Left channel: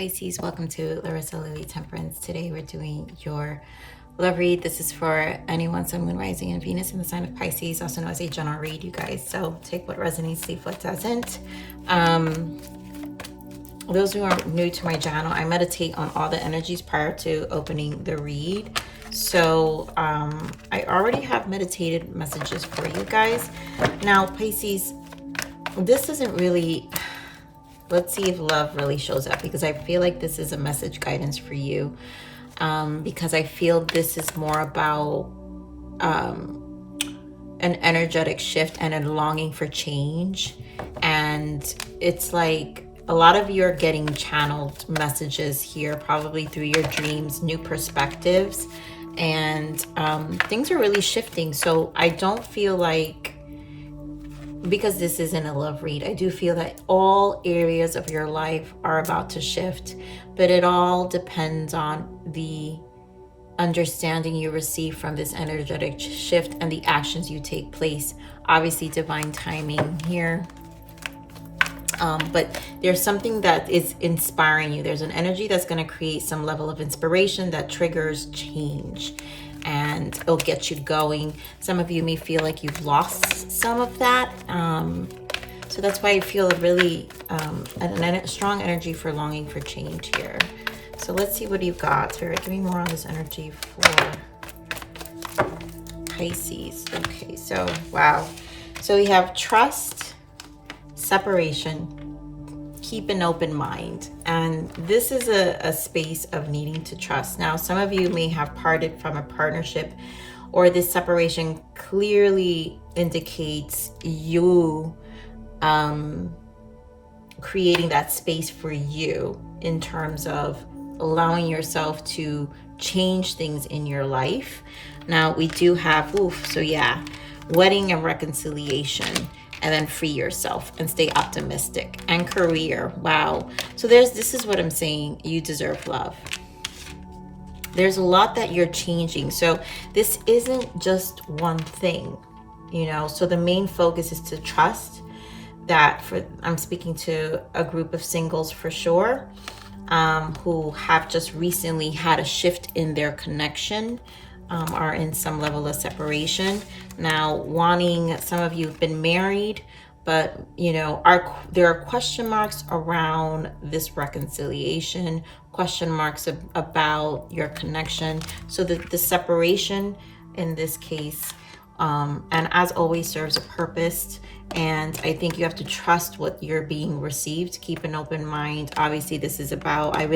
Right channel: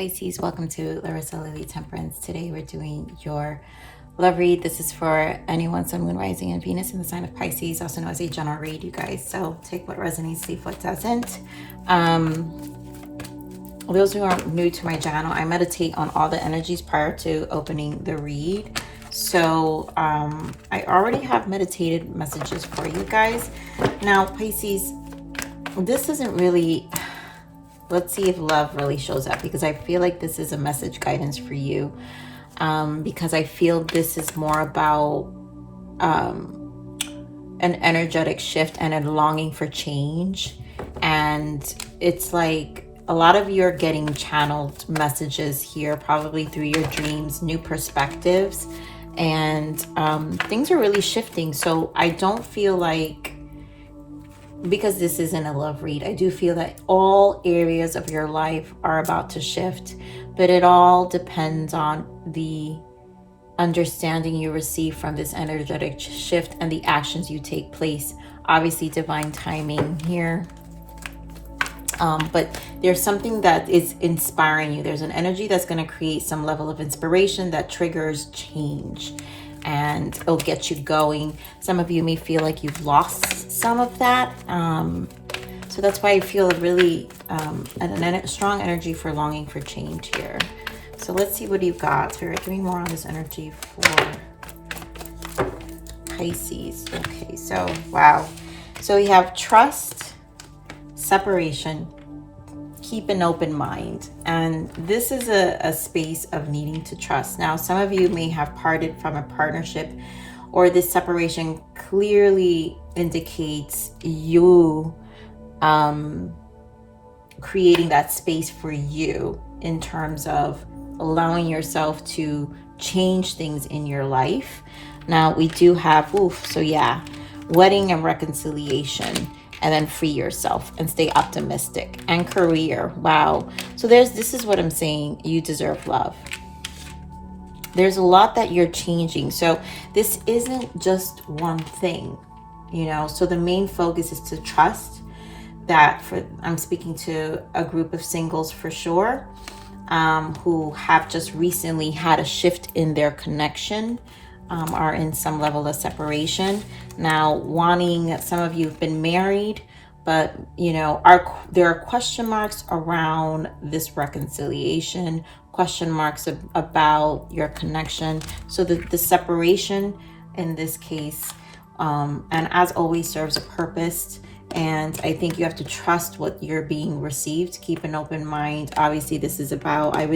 Pisces, welcome to Larissa Lily Temperance. Today we're doing your love read. This is for anyone, Sun, Moon, Rising, and Venus in the sign of Pisces, also known as a general read, you guys. So take what resonates, leave what doesn't. Those who are new to my channel, I meditate on all the energies prior to opening the read. So I already have meditated messages for you guys. Now, Pisces, this isn't really... Let's see if love really shows up, because I feel like this is a message guidance for you. Because I feel this is more about an energetic shift and a longing for change. And it's like a lot of you are getting channeled messages here, probably through your dreams, new perspectives, and things are really shifting. So I don't feel like, because this isn't a love read, I do feel that all areas of your life are about to shift, but it all depends on the understanding you receive from this energetic shift and the actions you take place. Obviously, divine timing here. But there's something that is inspiring you. There's an energy that's going to create some level of inspiration that triggers change, and it'll get you going. Some of you may feel like you've lost some of that. So that's why I feel a really a strong energy for longing for change here. So let's see what you've got here. Give me more on this energy for Pisces. Okay, so wow. So we have trust, separation, keep an open mind. And this is a space of needing to trust. Now, some of you may have parted from a partnership, or this separation clearly indicates you creating that space for you in terms of allowing yourself to change things in your life. Now, we do have, so yeah, wedding and reconciliation. And then free yourself and stay optimistic. And career, wow. So this is what I'm saying. You deserve love. There's a lot that you're changing. So this isn't just one thing, you know. So the main focus is to trust that. I'm speaking to a group of singles for sure, who have just recently had a shift in their connection. Are in some level of separation. Now, some of you have been married, but you know, there are question marks around this reconciliation, question marks about your connection. So the separation in this case, and as always, serves a purpose. And I think you have to trust what you're being received. Keep an open mind. Obviously, this is about, I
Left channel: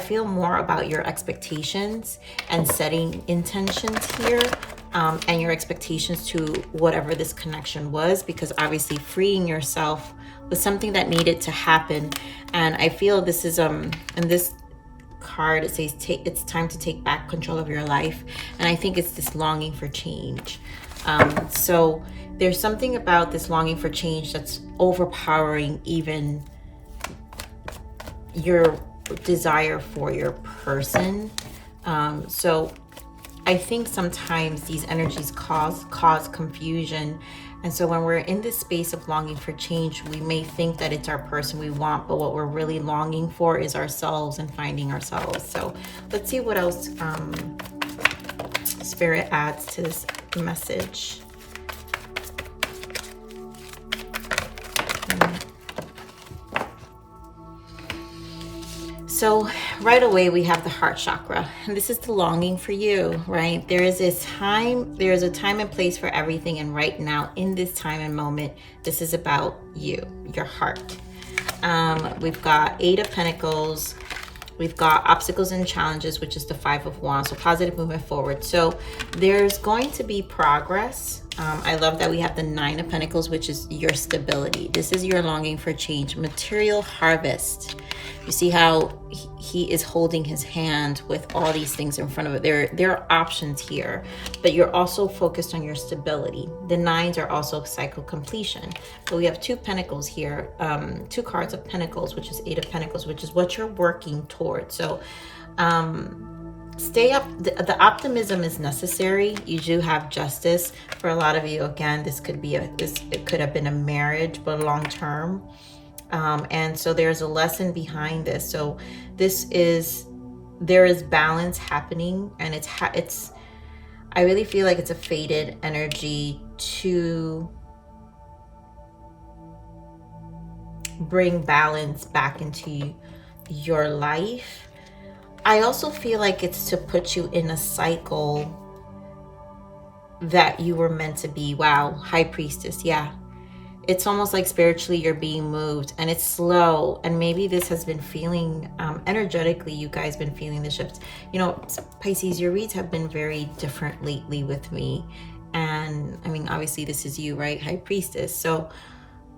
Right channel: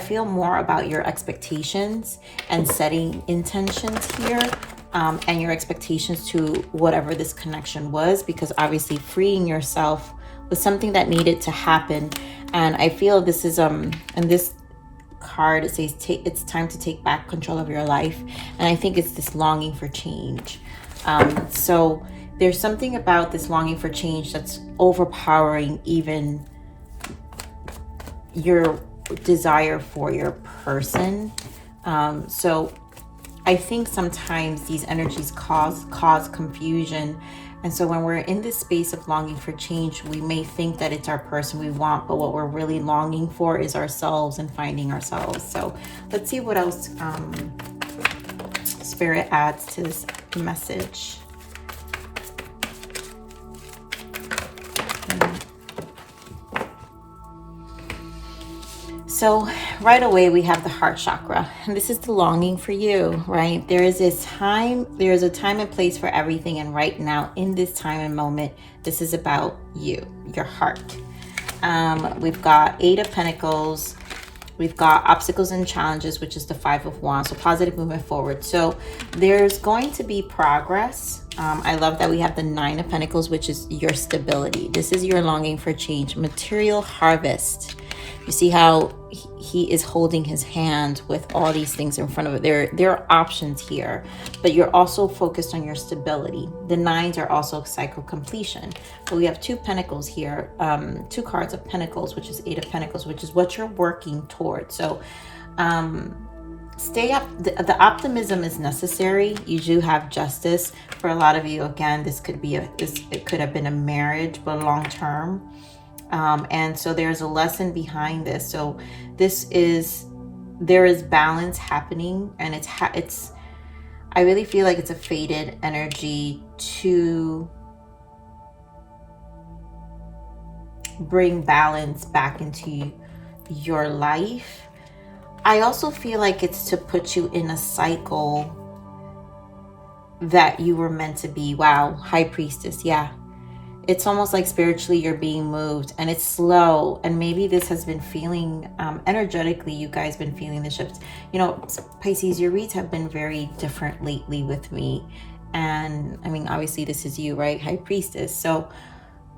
feel more about your expectations and setting intentions here, and your expectations to whatever this connection was, because obviously freeing yourself was something that needed to happen. And I feel this is, in this card, it says, it's time to take back control of your life. And I think it's this longing for change. So there's something about this longing for change that's overpowering even your desire for your person. So I think sometimes these energies cause confusion. And so when we're in this space of longing for change, we may think that it's our person we want, but what we're really longing for is ourselves and finding ourselves. So let's see what else Spirit adds to this message. So right away we have the heart chakra, and this is the longing for you, right? There is a time and place for everything, and right now in this time and moment, this is about you, your heart. We've got 8 of Pentacles. We've got obstacles and challenges, which is the 5 of Wands, so positive movement forward. So there's going to be progress. I love that we have the 9 of Pentacles, which is your stability. This is your longing for change, material harvest. You see how he is holding his hand with all these things in front of it. There are options here, but you're also focused on your stability. The 9s are also cycle completion. But we have 2 Pentacles here, 2 cards of Pentacles, which is 8 of Pentacles, which is what you're working towards. So stay up. The optimism is necessary. You do have justice. For a lot of you, again, this could be it could have been a marriage, but long term. And so there's a lesson behind this. So there is balance happening, and I really feel like it's a fated energy to bring balance back into your life. I also feel like it's to put you in a cycle that you were meant to be. Wow, High Priestess, yeah. It's almost like spiritually you're being moved, and it's slow, and maybe this has been feeling energetically, you guys been feeling the shifts. You know, Pisces, your reads have been very different lately with me, and I mean, obviously this is you, right, High Priestess? So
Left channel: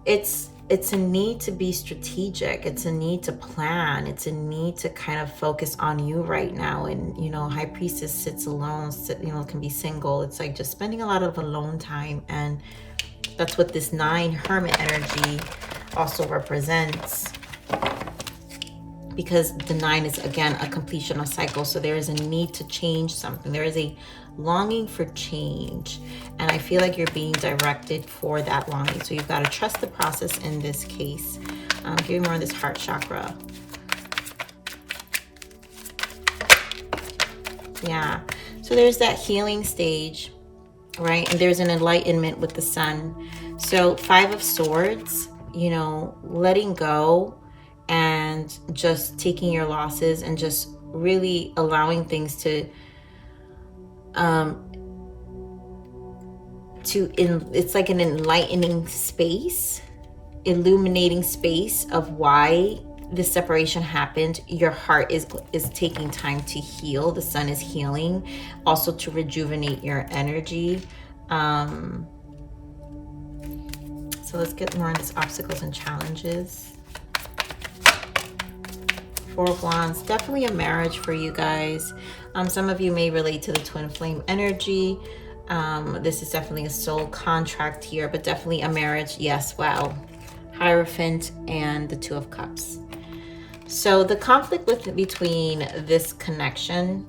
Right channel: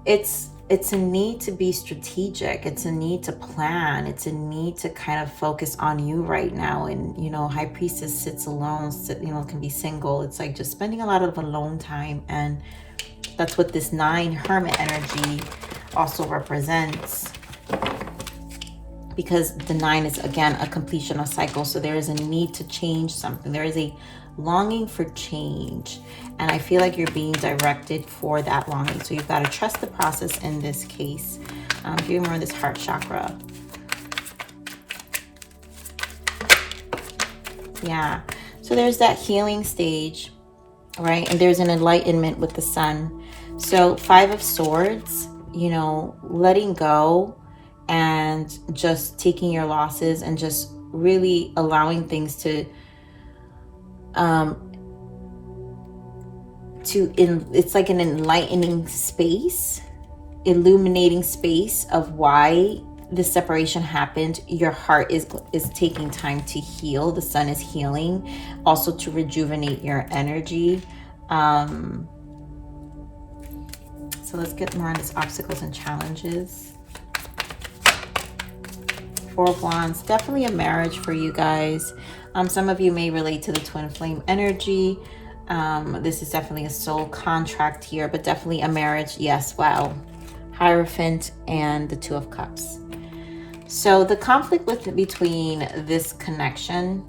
it's a need to be strategic, it's a need to plan, it's a need to kind of focus on you right now. And you know, High Priestess sits alone, can be single. It's like just spending a lot of alone time, and that's what this 9 Hermit energy also represents, because the 9 is, again, a completion of cycle. So there is a need to change something. There is a longing for change, and I feel like you're being directed for that longing. So you've got to trust the process in this case. Give me more of this heart chakra. Yeah. So there's that healing stage, right? And there's an enlightenment with the sun. So 5 of Swords, you know, letting go and just taking your losses and just really allowing things to it's like an enlightening space, illuminating space of why the separation happened. Your heart is taking time to heal. The sun is healing, also to rejuvenate your energy. So let's get more on these obstacles and challenges. 4 of Wands, definitely a marriage for you guys. Some of you may relate to the twin flame energy. This is definitely a soul contract here, but definitely a marriage. Yes, wow. Hierophant and the 2 of Cups. So the conflict between this connection,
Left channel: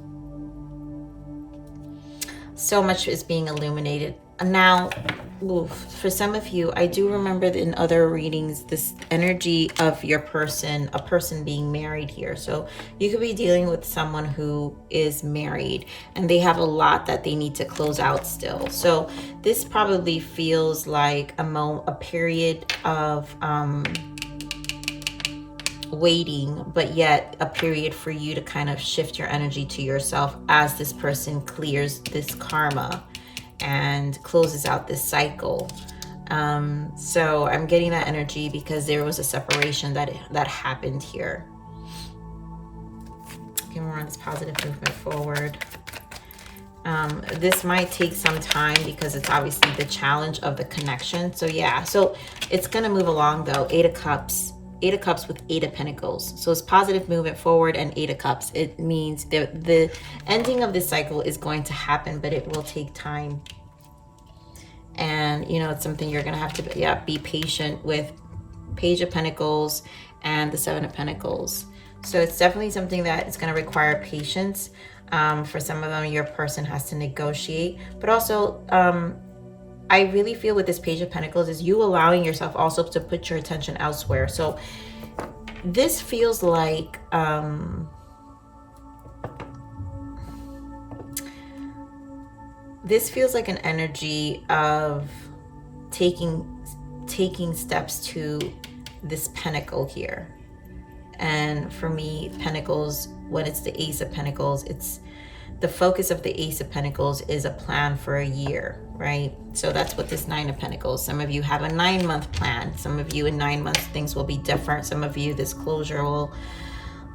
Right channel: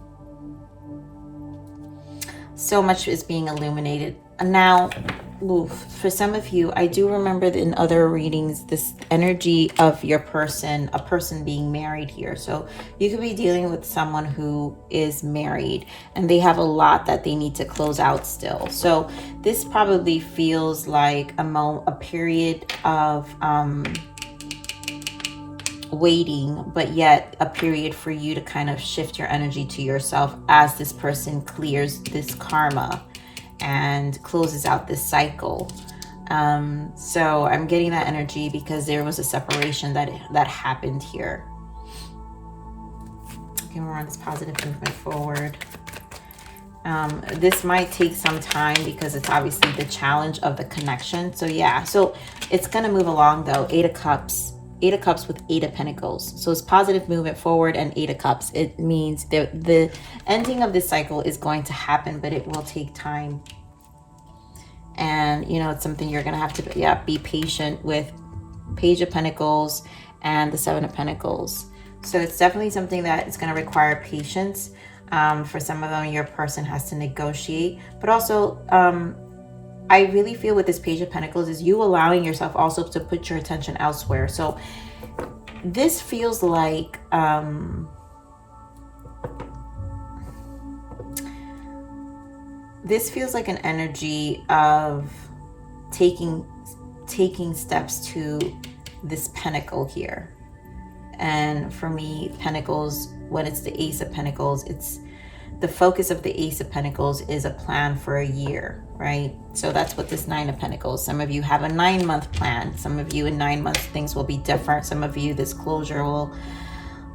so much is being illuminated. Now, for some of you, I do remember in other readings, this energy of your person, a person being married here. So you could be dealing with someone who is married and they have a lot that they need to close out still. So this probably feels like a period of waiting, but yet a period for you to kind of shift your energy to yourself as this person clears this karma and closes out this cycle. So I'm getting that energy because there was a separation that happened here. Okay, we're on this positive movement forward. This might take some time because it's obviously the challenge of the connection. So yeah, so it's going to move along though. 8 of Cups. 8 of Cups with 8 of Pentacles. So it's positive movement forward and 8 of Cups. It means the ending of this cycle is going to happen, but it will take time. And, you know, it's something you're going to have to be patient with. Page of Pentacles and the 7 of Pentacles. So it's definitely something that is going to require patience. For some of them, your person has to negotiate. But also, I really feel with this Page of Pentacles is you allowing yourself also to put your attention elsewhere. So this feels like an energy of taking steps to this pentacle here. And for me, Pentacles, when it's the Ace of Pentacles, it's the focus of the Ace of Pentacles is a plan for a year, right? So that's what this 9 of Pentacles. Some of you have a 9-month plan. Some of you in 9 months, things will be different. Some of you, this closure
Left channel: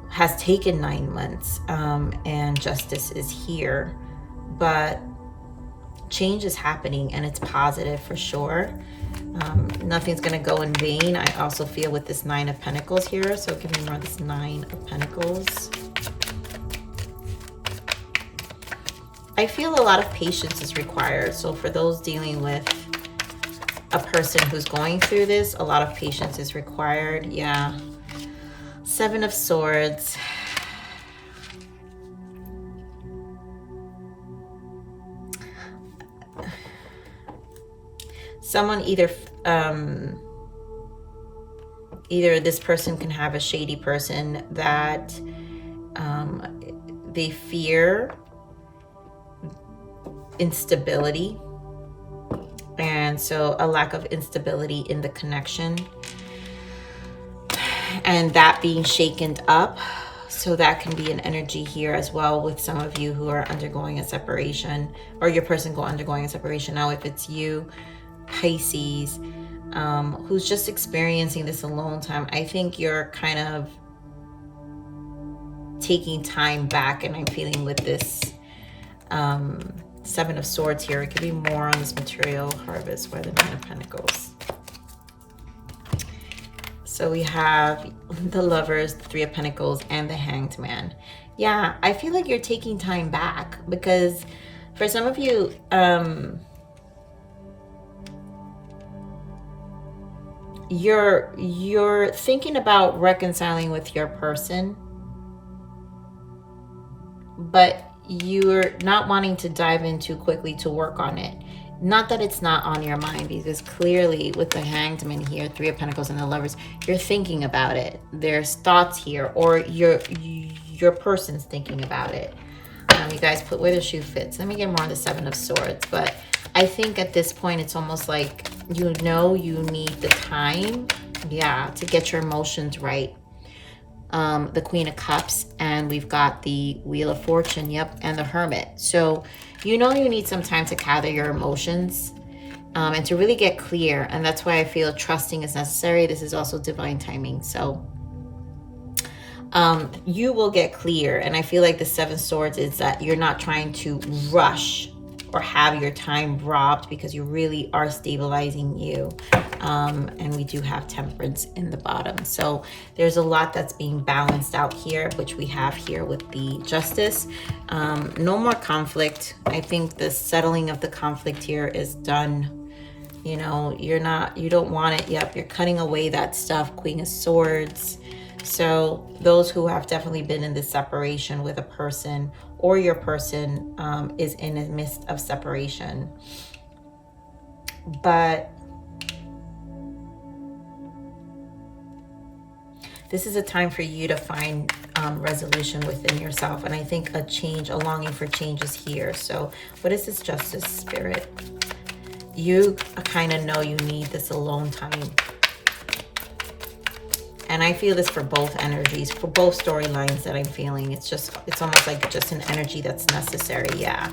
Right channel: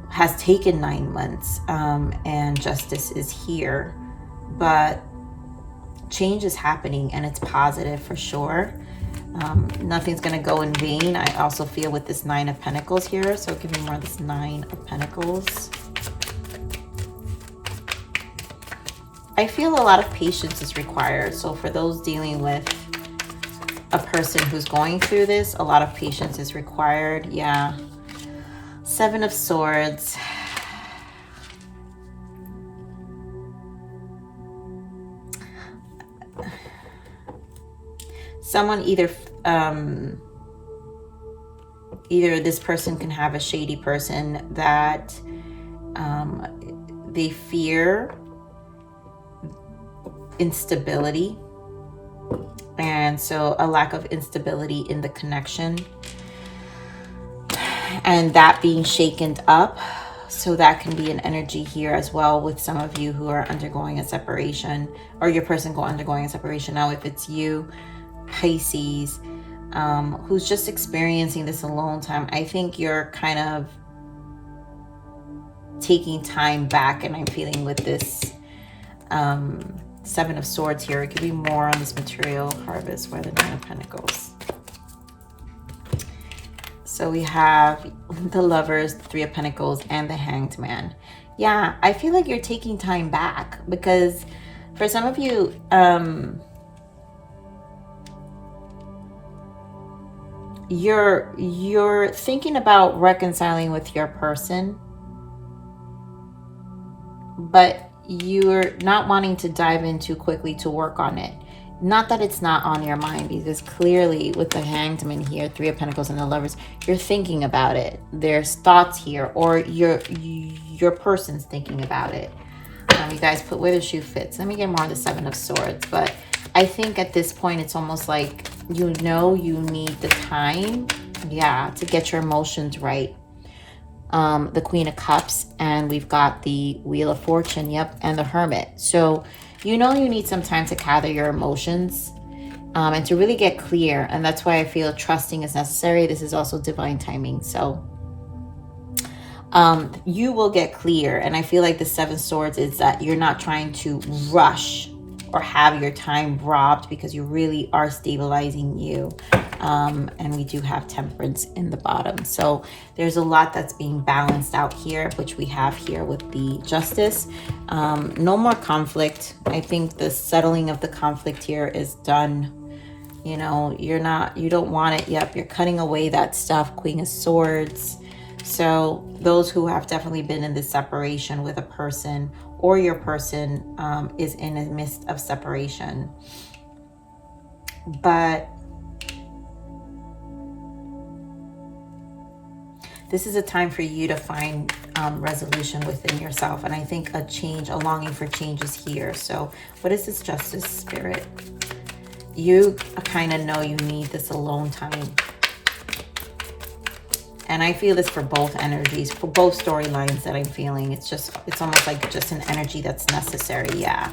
has taken 9 months, and justice is here. But change is happening and it's positive for sure. Nothing's going to go in vain. I also feel with this 9 of Pentacles here. So give me more of this 9 of Pentacles. I feel a lot of patience is required. So for those dealing with a person who's going through this, a lot of patience is required. Yeah. 7 of Swords. Someone either either this person can have a shady person that they fear instability, and so a lack of instability in the connection, and that being shaken up. So that can be an energy here as well with some of you who are undergoing a separation, or your person undergoing a separation. Now, if it's you, Pisces, who's just experiencing this alone time, I think you're kind of taking time back, and I'm feeling with this Seven of Swords here, it could be more on this material harvest, where the Nine of Pentacles. So we have the Lovers, the Three of Pentacles, and the Hanged Man. Yeah, I feel like you're taking time back, because for some of you, you're thinking about reconciling with your person, but you're not wanting to dive in too quickly to work on it. Not that it's not on your mind, because clearly with the Hanged Man here, Three of Pentacles and the Lovers, you're thinking about it. There's thoughts here, or your person's thinking about it. You guys put where the shoe fits. Let me get more of the Seven of Swords. But I think at this point, it's almost like you know you need the time, yeah, to get your emotions right. The Queen of Cups, and we've got the Wheel of Fortune, yep, and the Hermit. So you know you need some time to gather your emotions and to really get clear, and that's why I feel trusting is necessary. This is also divine timing. So you will get clear, and I feel like the Seven Swords is that you're not trying to rush or have your time robbed, because you really are stabilizing you. And we do have Temperance in the bottom. So there's a lot that's being balanced out here, which we have here with the Justice. No more conflict. I think the settling of the conflict here is done. You know, you don't want it. Yep, you're cutting away that stuff. Queen of Swords. So those who have definitely been in this separation with a person, or your person is in the midst of separation. But this is a time for you to find resolution within yourself. And I think a change, a longing for change is here. So what is this Justice, Spirit? You kind of know you need this alone time. And I feel this for both energies, for both storylines that I'm feeling. It's almost like just an energy that's necessary. Yeah.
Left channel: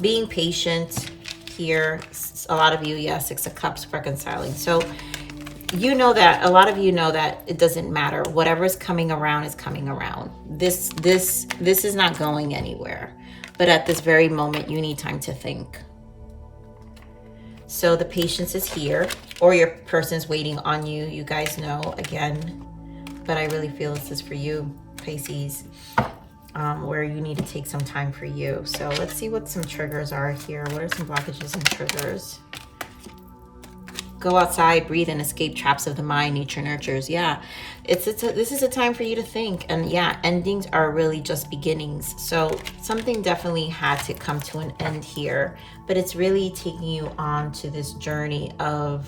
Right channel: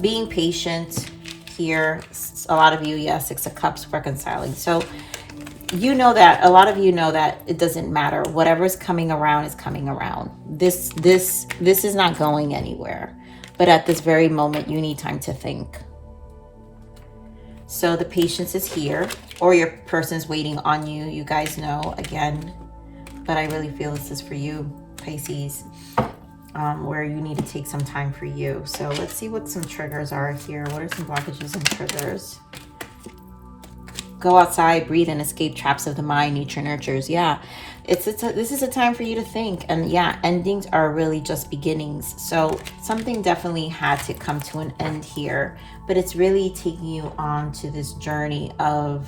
Being patient here. A lot of you, yeah, Six of Cups, reconciling. So you know that, a lot of you know that it doesn't matter. Whatever's coming around is coming around. This is not going anywhere. But at this very moment, you need time to think. So the patience is here, or your person's waiting on you. You guys know, again, but I really feel this is for you, Pisces, where you need to take some time for you. So let's see what some triggers are here. What are some blockages and triggers? Go outside, breathe, and escape traps of the mind. Nature nurtures. Yeah, this is a time for you to think. And yeah, endings are really just beginnings. So something definitely had to come to an end here. But it's really taking you on to this journey of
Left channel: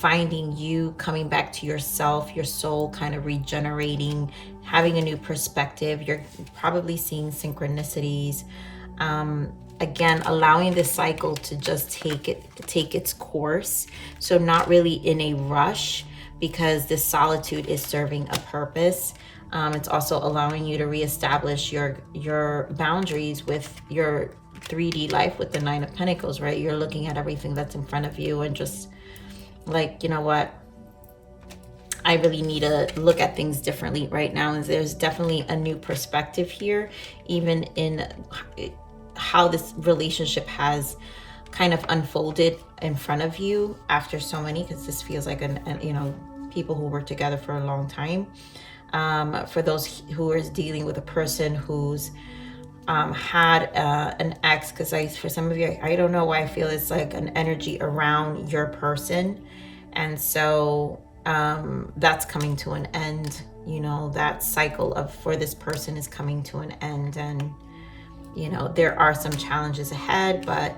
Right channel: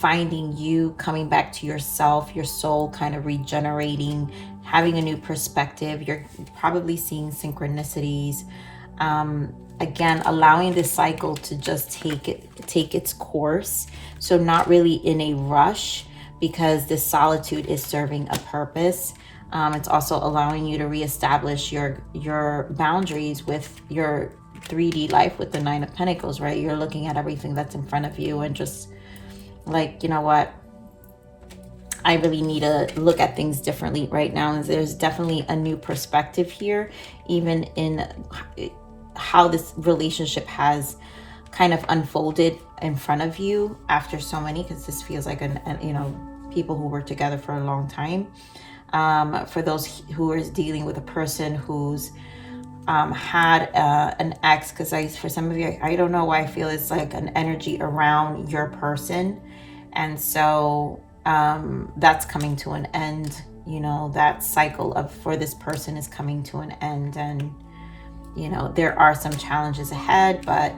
finding you, coming back to yourself, your soul kind of regenerating, having a new perspective. You're probably seeing synchronicities. Again, allowing the cycle to just take its course. So not really in a rush, because this solitude is serving a purpose. It's also allowing you to reestablish your boundaries with your 3D life with the Nine of Pentacles, right? You're looking at everything that's in front of you and just like, you know what? I really need to look at things differently right now. And there's definitely a new perspective here, even in how this relationship has kind of unfolded in front of you after so many, because this feels like people who work together for a long time. For those who is dealing with a person who's had an ex, because for some of you, I don't know why I feel it's like an energy around your person, and so that's coming to an end. You know, that cycle for this person is coming to an end, and you know there are some challenges ahead, but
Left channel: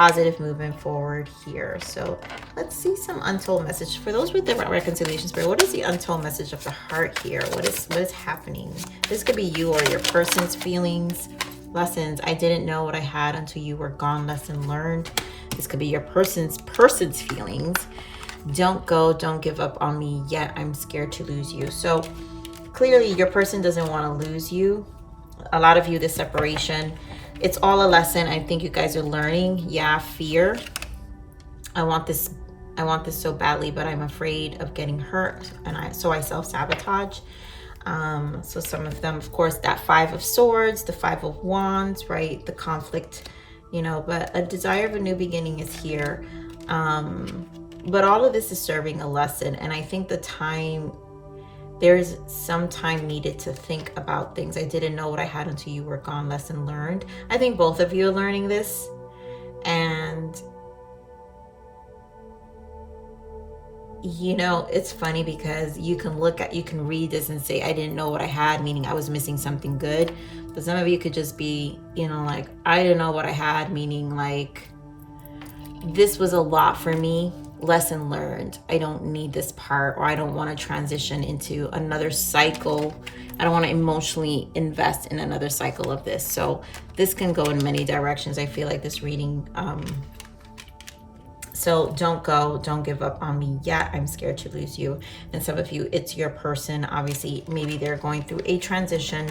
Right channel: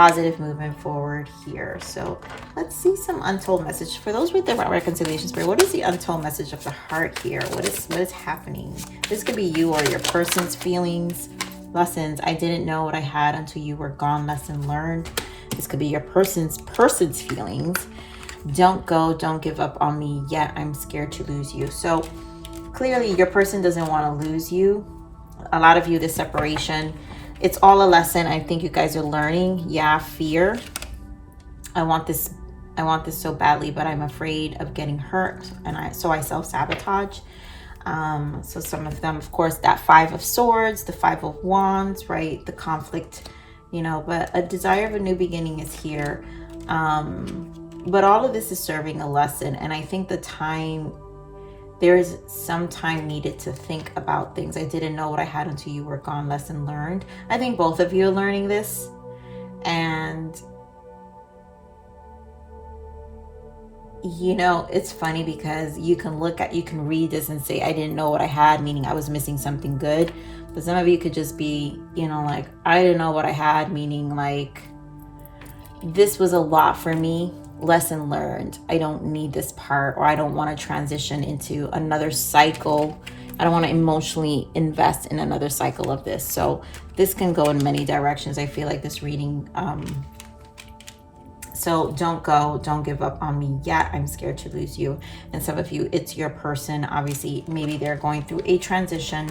positive movement forward here. So let's see some untold message for those with different reconciliations. But what is the untold message of the heart here? What is happening? This could be you or your person's feelings, lessons. I didn't know what I had until you were gone. Lesson learned. This could be your person's feelings. Don't go, don't give up on me yet. I'm scared to lose you. So clearly your person doesn't want to lose you. A lot of you, this separation, it's all a lesson. I think you guys are learning. Yeah, fear. I want this so badly, but I'm afraid of getting hurt, and so I self-sabotage. So some of them, of course, that 5 of Swords, the 5 of Wands, right? The conflict, you know, but a desire of a new beginning is here. But all of this is serving a lesson, and I think there's some time needed to think about things. I didn't know what I had until you were gone. Lesson learned. I think both of you are learning this. And, you know, it's funny because you can read this and say, I didn't know what I had, meaning I was missing something good. But some of you could just be, you know, like, I didn't know what I had, meaning like, this was a lot for me. Lesson learned. I don't need this part, or I don't want to transition into another cycle. I don't want to emotionally invest in another cycle of this. So this can go in many directions. I feel like this reading. So don't go, don't give up on me yet. I'm scared to lose you. And some of you, it's your person. Obviously, maybe they're going through a transition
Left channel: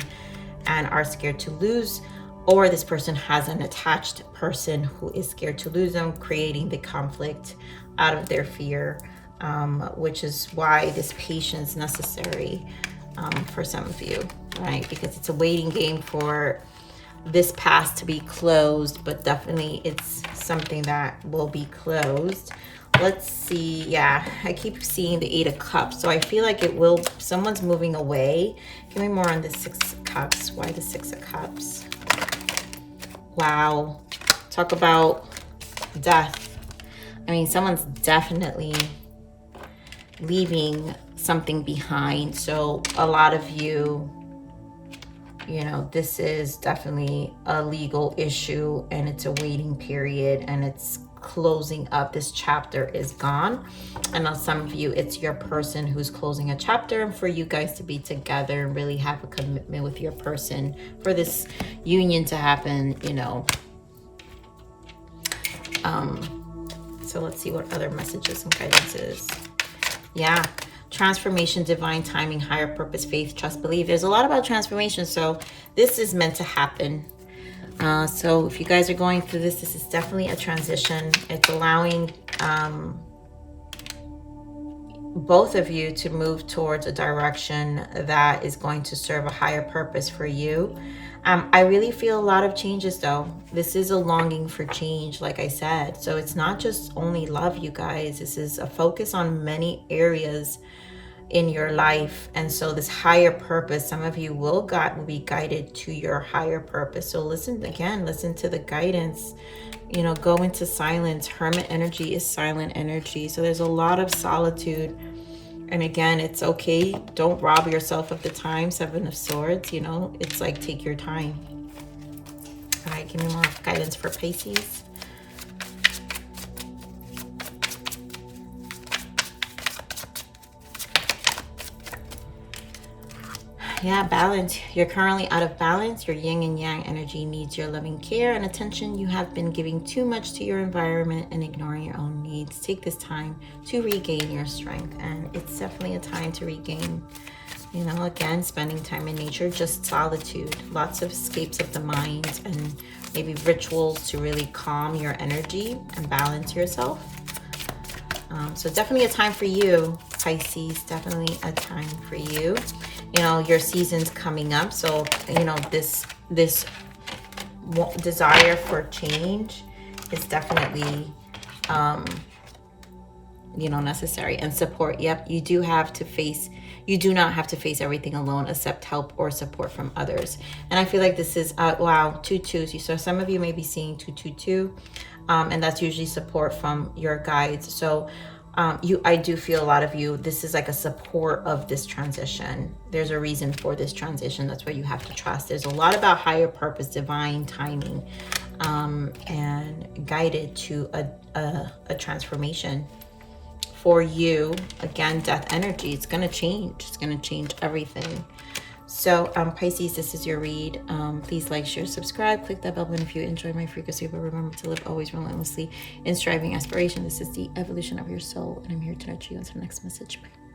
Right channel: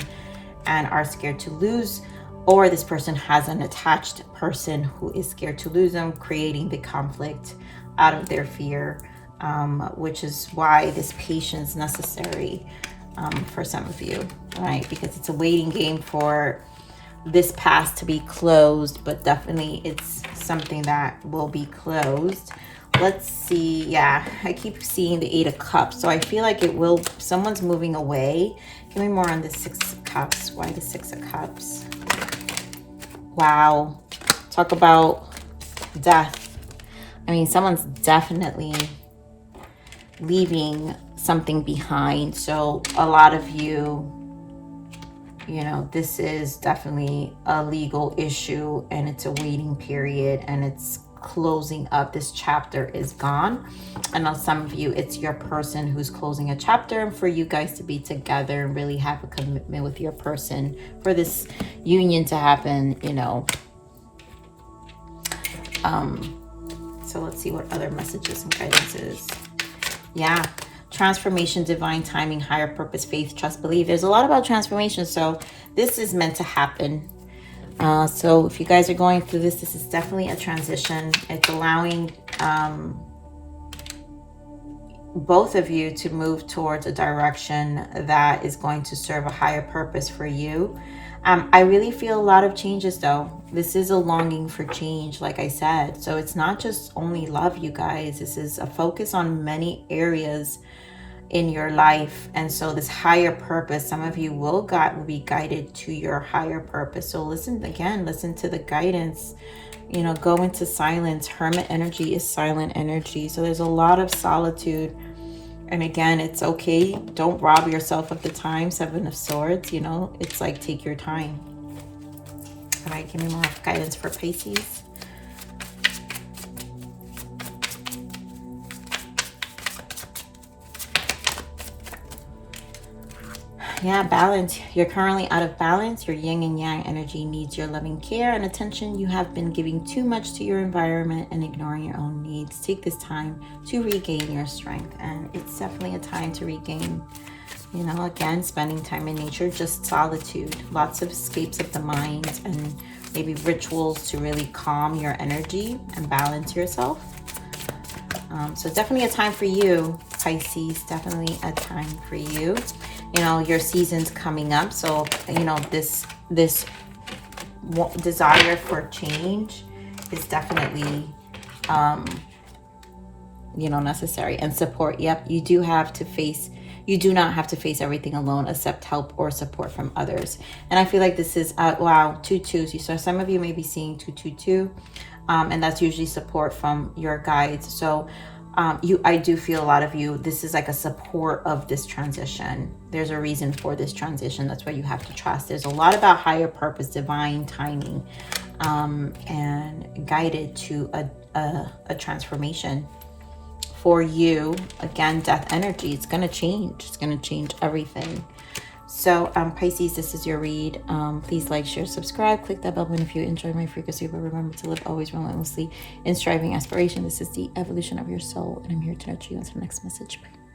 and are scared to lose, or this person has an attached person who is scared to lose them, creating the conflict out of their fear, which is why this patience is necessary for some of you, right? Because it's a waiting game for this past to be closed, but definitely it's something that will be closed. Let's see. Yeah, I keep seeing the 8 of Cups, so I feel like someone's moving away. Give me more on the 6 of Cups. Why the 6 of Cups? Wow. Talk about death. I mean, someone's definitely leaving something behind. So a lot of you, you know, this is definitely a legal issue, and it's a waiting period, and it's closing up. This chapter is gone. And on some of you, it's your person who's closing a chapter, and for you guys to be together and really have a commitment with your person for this union to happen, you know. So let's see what other messages and guidances. Yeah. Transformation, divine timing, higher purpose, faith, trust, believe. There's a lot about transformation. So this is meant to happen. So if you guys are going through this, this is definitely a transition. It's allowing both of you to move towards a direction that is going to serve a higher purpose for you. I really feel a lot of changes though. This is a longing for change, like I said. So it's not just only love, you guys. This is a focus on many areas in your life. And so this higher purpose, some of you will be guided to your higher purpose. So listen to the guidance. You know, go into silence. Hermit energy is silent energy. So there's a lot of solitude. And again, it's okay. Don't rob yourself of the time. 7 of Swords, you know, it's like, take your time. All right, give me more guidance for Pisces. Yeah, balance. You're currently out of balance. Your yin and yang energy needs your loving care and attention. You have been giving too much to your environment and ignoring your own needs. Take this time to regain your strength. And it's definitely a time to regain, you know, again, spending time in nature, just solitude, lots of escapes of the mind, and maybe rituals to really calm your energy and balance yourself. So definitely a time for you, Pisces, definitely a time for you. You know, your season's coming up. So, you know, this desire for change is definitely, you know, necessary. And support. Yep. You do not have to face everything alone, accept help or support from others. And I feel like this is, wow, 2 2s. So some of you may be seeing 2 2 2. And that's usually support from your guides. So I do feel a lot of you, this is like a support of this transition. There's a reason for this transition. That's why you have to trust. There's a lot about higher purpose, divine timing. and guided to a transformation for you. Again, death energy, it's going to change. It's going to change everything. So Pisces, this is your read. Please like, share, subscribe, click that bell button if you enjoy my frequency, but remember to live always relentlessly in striving aspiration. This is the evolution of your soul, and I'm here to nurture you until the next message. Bye.